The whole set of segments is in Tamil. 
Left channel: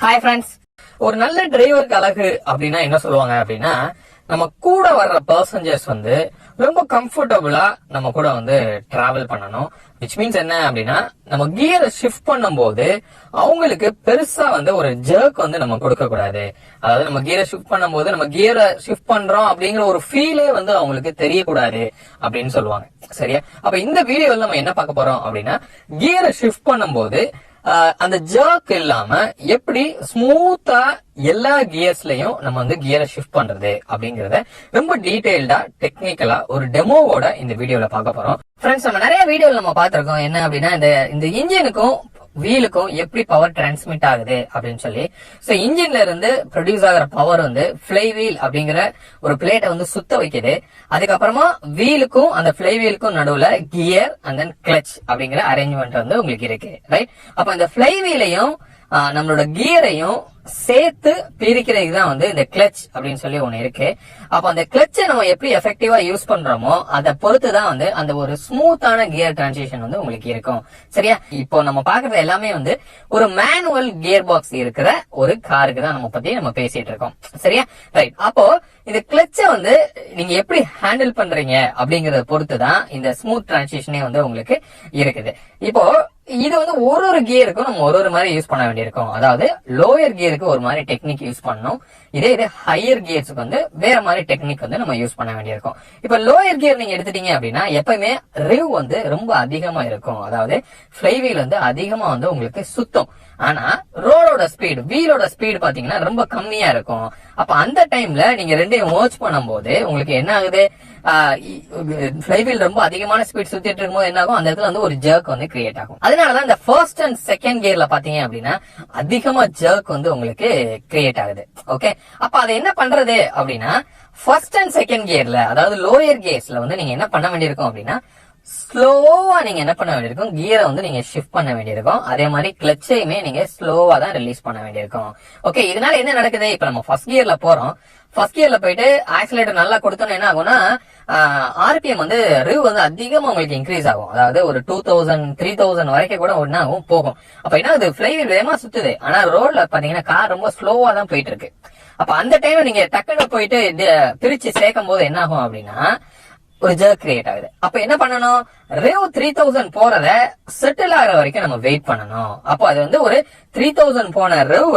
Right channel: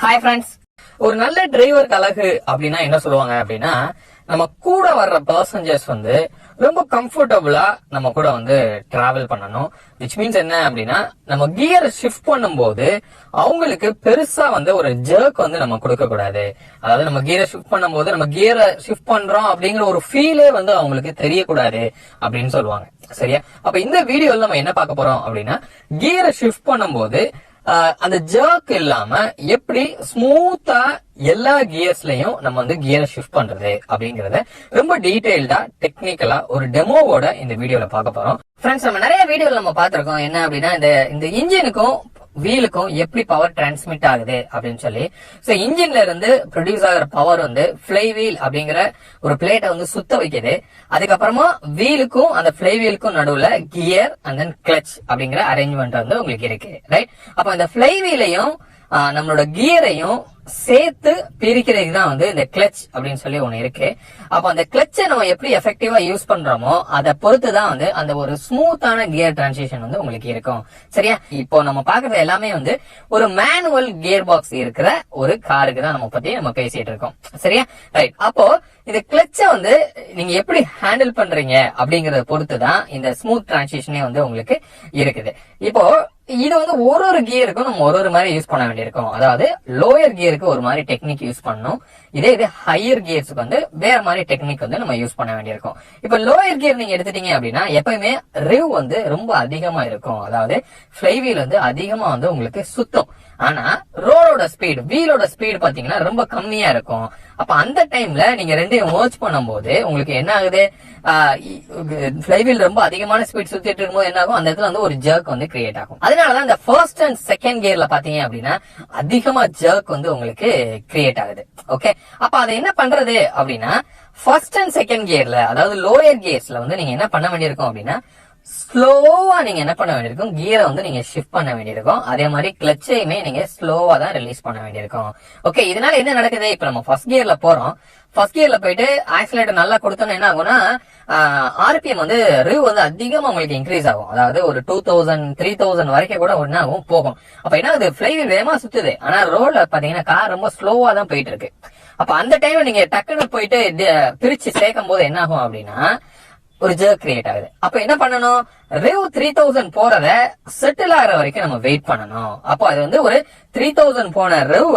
Hi friends. ஒரு நல்ல டிரைவருக்கு அழகு அப்படின்னா என்ன சொல்லுவாங்க அப்படின்னா, நம்ம கூட வர்ற பர்சன்ஜர்ஸ் ரொம்ப கம்ஃபர்டபுளா நம்ம கூட டிராவல் பண்ணணும். விச் மீன்ஸ் என்ன அப்படின்னா, நம்ம கியரை ஷிஃப்ட் பண்ணும்போது அவங்களுக்கு பெருசா ஒரு ஜர்க் நம்ம கொடுக்க கூடாது. அதாவது நம்ம கியரை ஷிஃப்ட் பண்ணும்போது நம்ம கியரை ஷிஃப்ட் பண்றோம் அப்படிங்கிற ஒரு ஃபீலே அவங்களுக்கு தெரியக்கூடாது அப்படின்னு சொல்லுவாங்க. சரியா? அப்ப இந்த வீடியோல நம்ம என்ன பார்க்க போறோம் அப்படின்னா, கியரை ஷிஃப்ட் பண்ணும்போது அந்த ஜர்க் இல்லாம எப்படி ஸ்மூத்தா எல்லா கியர்ஸ்லயும் நம்ம கியரை ஷிஃப்ட் பண்றது அப்படிங்கறத ரொம்ப டீடைல்டா டெக்னிக்கலா ஒரு டெமோவோட இந்த வீடியோல பார்க்க போறோம். ஃப்ரெண்ட்ஸ், நம்ம நிறைய வீடியோல நம்ம பார்த்திருக்கோம் என்ன அப்படின்னா, இந்த இன்ஜினுக்கும் வீலுக்கும் எப்படி பவர் டிரான்ஸ்மிட் ஆகுது அப்படின்னு சொல்லி. சோ இன்ஜின்ல இருந்து ப்ரொடியூஸ் ஆகிற பவர் ஃபிளை வீல் அப்படிங்கிற ஒரு பிளேட்டை சுத்த வைக்குது. அதுக்கப்புறமா வீலுக்கும் அந்த பிளை வீலுக்கும் நடுவுல கியர் அண்ட் தென் கிளச் அப்படிங்கிற அரேஞ்ச்மெண்ட் உங்களுக்கு இருக்கு. ரைட்? அப்ப இந்த பிளை வீலையும் நம்மளோட கியரையும் சேர்த்து பிரிக்கிறதுக்கு தான் இந்த கிளச் அப்படின்னு சொல்லி ஒண்ணு இருக்கு. அப்ப அந்த கிளச்சை நம்ம எப்படி எஃபெக்டிவா யூஸ் பண்றோமோ அதை பொறுத்துதான் அந்த ஒரு ஸ்மூத்தான கியர் டிரான்சிஷன் உங்களுக்கு இருக்கும். சரியா? இப்போ நம்ம பாக்குறது எல்லாமே ஒரு மேனுவல் கியர் பாக்ஸ் இருக்கிற ஒரு காருக்கு தான் நம்ம பேசிட்டு இருக்கோம். சரியா? ரைட். அப்போ இந்த கிளச்சை நீங்க எப்படி ஹேண்டில் பண்றீங்க அப்படிங்கறத பொறுத்துதான் இந்த ஸ்மூத் டிரான்சிஷனே உங்களுக்கு இருக்குது. இப்போ இது ஒரு கியருக்கும் நம்ம ஒரு மாதிரி யூஸ் பண்ண வேண்டியிருக்கும். அதாவது லோயர் கியருக்கு ஒரு மாதிரி டெக்னிக் யூஸ் பண்ணணும். இதே ஹையர் கியர்ஸுக்கு வேற மாதிரி டெக்னிக் நம்ம யூஸ் பண்ண வேண்டியிருக்கும். இப்ப லோயர் கியர் நீங்க எடுத்துட்டீங்க அப்படின்னா எப்பயுமே ரிவ் ரொம்ப அதிகமா இருக்கும். அதாவது ஃப்ளை வீல் அதிகமா உங்களுக்கு சுத்தம். ஆனா ரோடோட ஸ்பீடு, வீலோட ஸ்பீடு பாத்தீங்கன்னா ரொம்ப கம்மியா இருக்கும். அப்ப அந்த டைம்ல நீங்க ரெண்டையும் மர்ஜ் பண்ணும்போது உங்களுக்கு என்ன ஆகுது, ஃப்ளை வீல் ரொம்ப அதிகமான ஸ்பீட் சுத்திட்டு இருக்கும்போது என்ன ஆகும், அந்த இடத்துல ஒரு ஜர்க் கிரியேட் ஆகும். அதனாலதான் இந்த ஃபர்ஸ்ட் அண்ட் செகண்ட் கியர்ல பாத்தீங்க அப்படின்னா அதிகமா ஜர்க் உங்களுக்கு கிரியேட் ஆகுது. ஓகே, அப்ப அதை என்ன பண்றது அப்படின்னா, ஃபர்ஸ்ட் அண்ட் செகண்ட் கியர்ல அதாவது லோயர் கியர்ஸ்ல நீங்க என்ன பண்ண வேண்டியிருக்கும் அப்படின்னா, ஸ்லோவா நீங்க என்ன பண்ண வேண்டியிருக்கும், கியரை நீங்க ஷிஃப்ட் பண்ண வேண்டியிருக்கும். அதே மாதிரி கிளச்சையுமே நீங்க ஸ்லோவா தான் ரிலீஸ் பண்ண வேண்டியிருக்கும். ஓகே, இதனால என்ன நடக்குது, இப்ப நம்ம ஃபர்ஸ்ட் கியர்ல போறோம். ஃபர்ஸ்ட் கியர்ல போயிட்டு ஆக்சிலேட்டர் நல்லா கொடுத்தோம்னா என்ன ஆகும்னா, ஆர்பிஎம் ரிவ் அதிகமா உங்களுக்கு இன்க்ரீஸ் ஆகும். அதாவது ஒரு 2000 3000 வரைக்கும் கூட ஒன்னா போகும். அப்ப என்ன ஆகுது, ஃப்ளை வீல் வேகமா சுத்துது. ஆனா ரோட்ல பாத்தீங்கன்னா கார் ரொம்ப ஸ்லோவா தான் போயிட்டு இருக்கு. அப்ப அந்த டைம்ல நீங்க டக்குன்னு போயிட்டு பிரிச்சு சேர்க்கும் போது என்ன ஆகும் அப்படின்னா ஒரு ஜர்க் கிரியேட் ஆகுது. அப்ப என்ன பண்ணணும், ரிவ் 3000 போறத செட்டில் ஆகிற வரைக்கும் நம்ம வெயிட் பண்ணணும். அப்போ அது ஒரு 3000 போன ரிவ்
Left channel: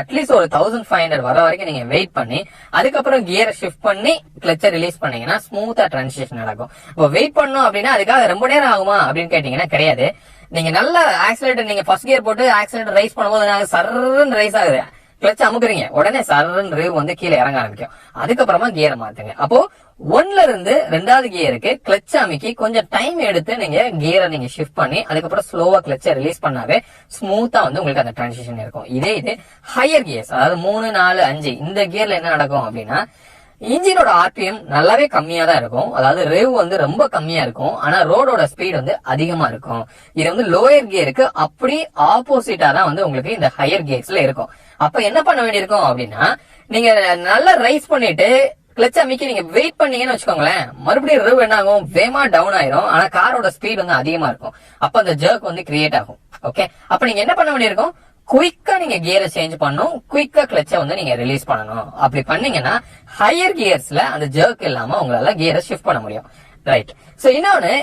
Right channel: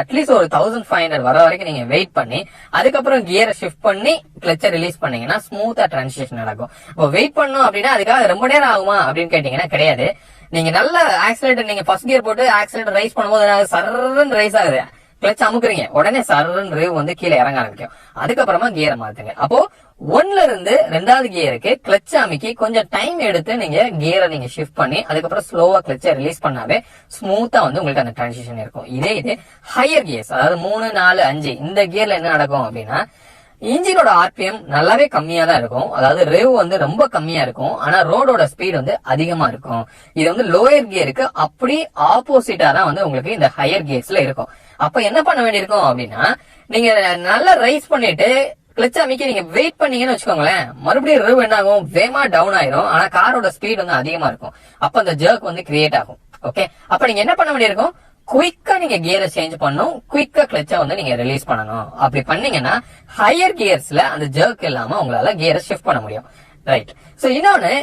அட்லீஸ்ட் ஒரு 1500 வர வரைக்கும் நீங்க வெயிட் பண்ணி அதுக்கப்புறம் கியரை ஷிஃப்ட் பண்ணி கிளச்சை ரிலீஸ் பண்ணீங்கன்னா ஸ்மூத்தா டிரான்சிஷன் நடக்கும். இப்போ வெயிட் பண்ணணும் அப்படின்னா அதுக்காக ரொம்ப நேரம் ஆகுமா அப்படின்னு கேட்டீங்கன்னா கிடையாது. நீங்க நல்ல ஆக்சிலேட்டர், நீங்க ஃபர்ஸ்ட் கியர் போட்டு ஆக்சிலேட்டர் ரைஸ் பண்ணும்போது சர்ன்னு ரைஸ் ஆகுது, கிளச் அமுக்குறீங்க, உடனே சர்ன்னு ரிவ் கீழே இறங்க ஆரம்பிக்கும். அதுக்கப்புறமா கியரை மாத்துங்க. அப்போ ஒன்ல இருந்து ரெண்டாவது கியருக்கு கிளச் அமைக்கி கொஞ்சம் டைம் எடுத்து நீங்க கியரை நீங்க ஷிஃப்ட் பண்ணி அதுக்கப்புறம் ஸ்லோவா கிளச்சை ரிலீஸ் பண்ணாவே ஸ்மூத்தா உங்களுக்கு அந்த டிரான்சிஷன் இருக்கும். இதே ஹையர் கியர்ஸ் அதாவது 3 4 5 இந்த கியர்ல என்ன நடக்கும் அப்படின்னா, இன்ஜினோட ஆர்பிஎம் நல்லாவே கம்மியா தான் இருக்கும். அதாவது ரிவ் ரொம்ப கம்மியா இருக்கும். ஆனா ரோடோட ஸ்பீட் அதிகமா இருக்கும். இது லோயர் கியருக்கு அப்படி ஆப்போசிட்டா தான் உங்களுக்கு இந்த ஹையர் கியர்ஸ்ல இருக்கும். அப்ப என்ன பண்ண வேண்டியிருக்கும் அப்படின்னா, நீங்க நல்லா ரைஸ் பண்ணிட்டு கிளச் அமைக்கி நீங்க வெயிட் பண்ணீங்கன்னு வச்சுக்கோங்களேன், மறுபடியும் ரிவ் என்ன ஆகும், வேகமா டவுன் ஆயிரும். ஆனா காரோட ஸ்பீட் அதிகமா இருக்கும். அப்ப அந்த ஜர்க் கிரியேட் ஆகும். ஓகே, அப்ப நீங்க என்ன பண்ண வேண்டியிருக்கும், குயிக்கா நீங்க கியரை சேஞ்ச் பண்ணும், குயிக்கா கிளச்சை நீங்க ரிலீஸ் பண்ணணும். அப்படி பண்ணீங்கன்னா ஹையர் கியர்ஸ்ல அந்த ஜர்க் இல்லாம உங்களால கியரை ஷிஃப்ட் பண்ண முடியும். ரைட். சோ இன்னொன்னு,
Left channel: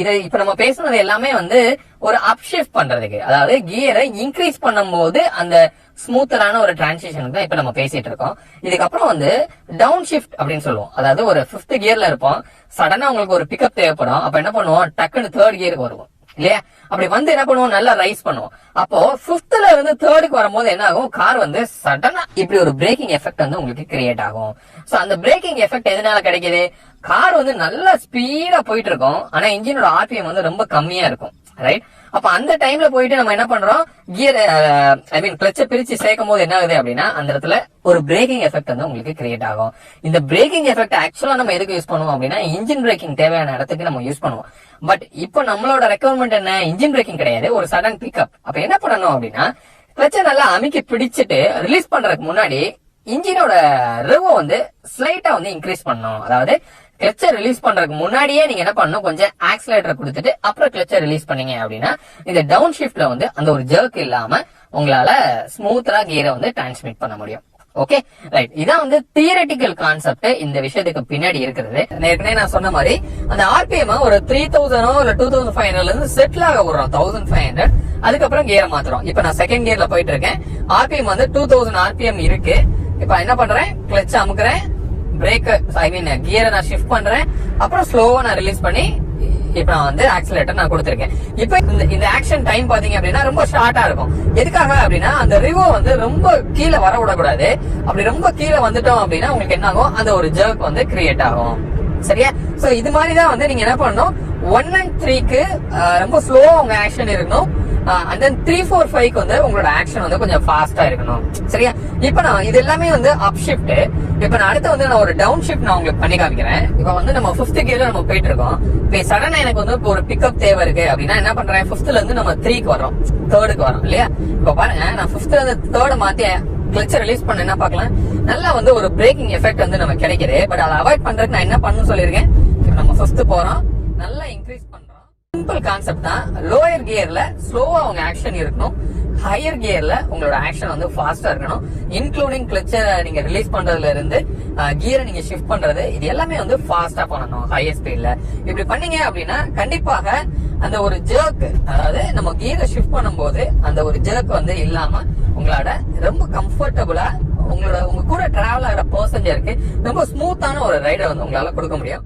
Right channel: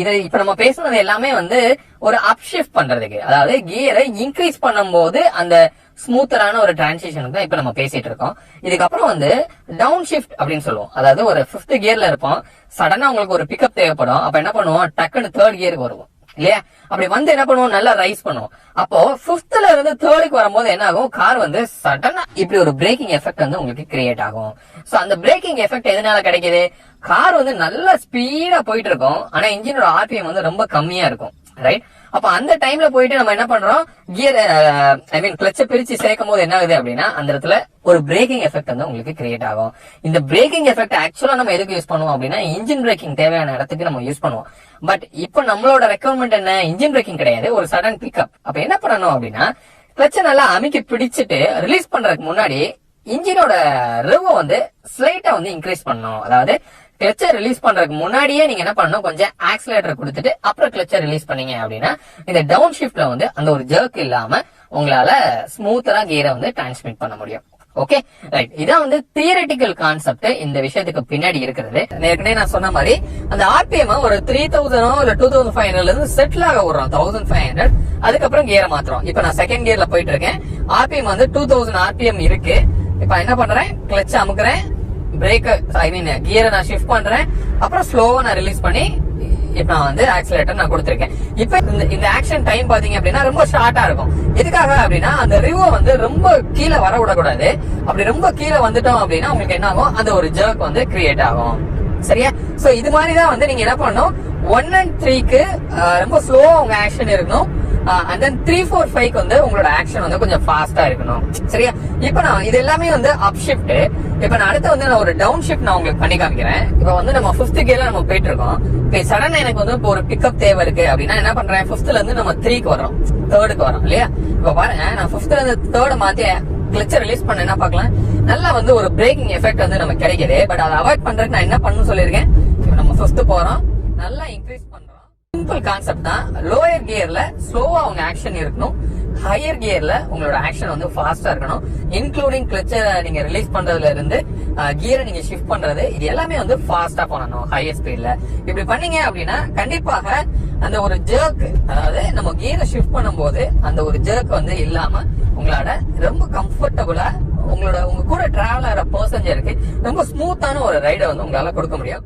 இதை இப்ப நம்ம பேசுனது எல்லாமே ஒரு அப் ஷிஃப்ட் பண்றதுக்கு, அதாவது கியரை இன்க்ரீஸ் பண்ணும்போது அந்த ஸ்மூத்தரான ஒரு டிரான்சிஷன் தான் இப்ப நம்ம பேசிட்டு இருக்கோம். இதுக்கப்புறம் டவுன் ஷிஃப்ட் அப்படின்னு சொல்லுவோம். அதாவது ஒரு 5th கியர்ல இருப்போம், சடனா உங்களுக்கு ஒரு பிக்கப் தேவைப்படும். அப்ப என்ன பண்ணுவோம், டக்குன்னு 3rd கியருக்கு வருவோம் இல்லையா? அப்படி என்ன பண்ணுவோம், நல்லா ரைஸ் பண்ணுவோம். அப்போ 5thல இருந்து 3rdக்கு வரும்போது என்ன ஆகும், கார் சடனா இப்படி ஒரு பிரேக்கிங் எஃபெக்ட் உங்களுக்கு கிரியேட் ஆகும். சோ அந்த பிரேக்கிங் எஃபெக்ட் எதனால கிடைக்குது, கார் நல்லா ஸ்பீடா போயிட்டு இருக்கும். ஆனா இன்ஜினோட ஆர்பிஎம் ரொம்ப கம்மியா இருக்கும். ரைட்? அப்ப அந்த டைம்ல போயிட்டு நம்ம என்ன பண்றோம், கியர் கிளச்சை பிரிச்சு சேர்க்கும் போது என்ன ஆகுது அப்படின்னா அந்த இடத்துல ஒரு பிரேக்கிங் எஃபெக்ட் உங்களுக்கு கிரியேட் ஆகும். இந்த பிரேக்கிங் எஃபெக்ட் ஆக்சுவலா நம்ம எதுக்கு யூஸ் பண்ணுவோம் அப்படின்னா, இன்ஜின் பிரேக்கிங் தேவையான இடத்துக்கு நம்ம யூஸ் பண்ணுவோம். பட் இப்ப நம்மளோட ரெக்குவயர்மெண்ட் என்ன, இன்ஜின் பிரேக்கிங் கிடையாது, ஒரு சடன் பிக்கப். அப்ப என்ன பண்ணணும் அப்படின்னா, கிளச்சை நல்லா அமுக்கி பிடிச்சிட்டு ரிலீஸ் பண்றதுக்கு முன்னாடி இன்ஜினோட ரிவ் ஸ்லைட்டா இன்க்ரீஸ் பண்ணணும். அதாவது கிளச்சை ரிலீஸ் பண்றதுக்கு முன்னாடியே நீங்க என்ன பண்ணணும், கொஞ்சம் ஆக்சிலேட்டர் கொடுத்துட்டு அப்புறம் கிளச்சை ரிலீஸ் பண்ணீங்க அப்படின்னா இந்த டவுன் ஷிஃப்ட்ல அந்த ஒரு ஜர்க் இல்லாம உங்களால ஸ்மூத்தரா கியரை வந்து டிரான்ஸ்மிட் பண்ண முடியும். ஓகே ரைட், இதான் வந்து தியரட்டிக்கல் கான்செப்ட் இந்த விஷயத்துக்கு பின்னாடி இருக்கிறது. ஏற்கனவே நான் சொன்ன மாதிரி அந்த ஆர்பிஎம் ஒரு 3000 இல்ல 2500 இருந்து செட்டில் ஆக விடுறோம் 1500. அதுக்கப்புறம் கியரை மாத்துறோம். இப்ப நான் செகண்ட் கியர்ல போயிட்டு இருக்கேன். ஆர்பிஎம் வந்து 2000 ஆர்பிஎம் இருக்கு. இப்ப என்ன பண்றேன், கிளட்ச் அமுக்குறேன், பிரேக் கியரை நான் ஷிஃப்ட் பண்றேன், அப்புறம் ஸ்லோவா நான் ரிலீஸ் பண்ணி இப்ப நான் வந்து ஆக்சிலேட்டர் நான் கொடுத்திருக்கேன். இப்ப இந்த ஆக்ஷன் டைம் பாத்தீங்க அப்படின்னா ரொம்ப ஷார்ட்டா இருக்கும். எதுக்காக அப்படின்னா அந்த ரிவோ வந்து ரொம்ப கீழே வர விடக்கூடாது. அப்படி ரொம்ப கீழே வந்துட்டோம் அப்படின்னா உங்களுக்கு என்ன ஆகும், அந்த ஒரு ஜர்க் வந்து கிரியேட் ஆகும். சரியா? சோ இது மாதிரிதான் வந்து நீங்க என்ன பண்ணணும், 1 and 3க்கு ரொம்ப ஸ்லோவா உங்க ஆக்ஷன் இருக்கணும். and then 3, 4, 5க்கு வந்து உங்களோட ஆக்ஷன் வந்து கொஞ்சம் ஃபாஸ்டா இருக்கணும். சரியா? இப்ப நான் இது எல்லாமே வந்து அப் ஷிஃப்ட். இப்ப நான் அடுத்து வந்து நான் ஒரு டவுன் ஷிஃப்ட் நான் உங்களுக்கு பண்ணி காமிக்கிறேன். இப்ப வந்து நம்ம 5th கியர்ல நம்ம போயிட்டு இருக்கோம். இப்ப சடனா எனக்கு வந்து ஒரு பிக்கப் தேவை இருக்கு அப்படின்னா என்ன பண்றேன், 5thல இருந்து நம்ம 3க்கு வரோம், 3rdக்கு வரோம் இல்லையா? இப்ப பாருங்க, நான் 5thல இருந்து 3rd மாத்தி கிளட்ச ரிலீஸ் பண்ண என்ன பார்க்கலாம், நல்லா வந்து ஒரு பிரேக்கிங் எஃபெக்ட் வந்து நமக்கு கிடைக்குது. பட் அதை அவாய்ட் பண்றதுக்கு நான் என்ன பண்ணணும்னு சொல்லியிருக்கேன். இப்ப நம்ம 5th போறோம், நல்லா இன்க்ரீஸ் பண்றோம். சிம்பிள் கான்செப்ட் தான். லோயர் கியர்ல ஸ்லோவா உங்க ஆக்ஷன் இருக்கணும், ஹையர் கியர்ல உங்களோட ஆக்ஷன் வந்து ஃபாஸ்டா இருக்கணும். இன்க்ளூடிங் கிளட்ச நீங்க ரிலீஸ் பண்றதுல இருந்து கியரை நீங்க ஷிஃப்ட் பண்றது, இது எல்லாமே வந்து ஃபாஸ்டா பண்ணணும் ஹையர் ஸ்பீட்ல. இப்படி பண்ணீங்க அப்படின்னா கண்டிப்பாக அந்த ஒரு ஜர்க், அதாவது நம்ம கியரை ஷிஃப்ட் பண்ணும்போது அந்த ஒரு ஜர்க் வந்து இல்லாம உங்களோட ரொம்ப கம்ஃபர்டபுளா உங்க கூட டிராவல் ஆகிற பர்சஞ்சருக்கு ரொம்ப ஸ்மூத்தான ஒரு ரைடை வந்து உங்களால கொடுக்க முடியும்.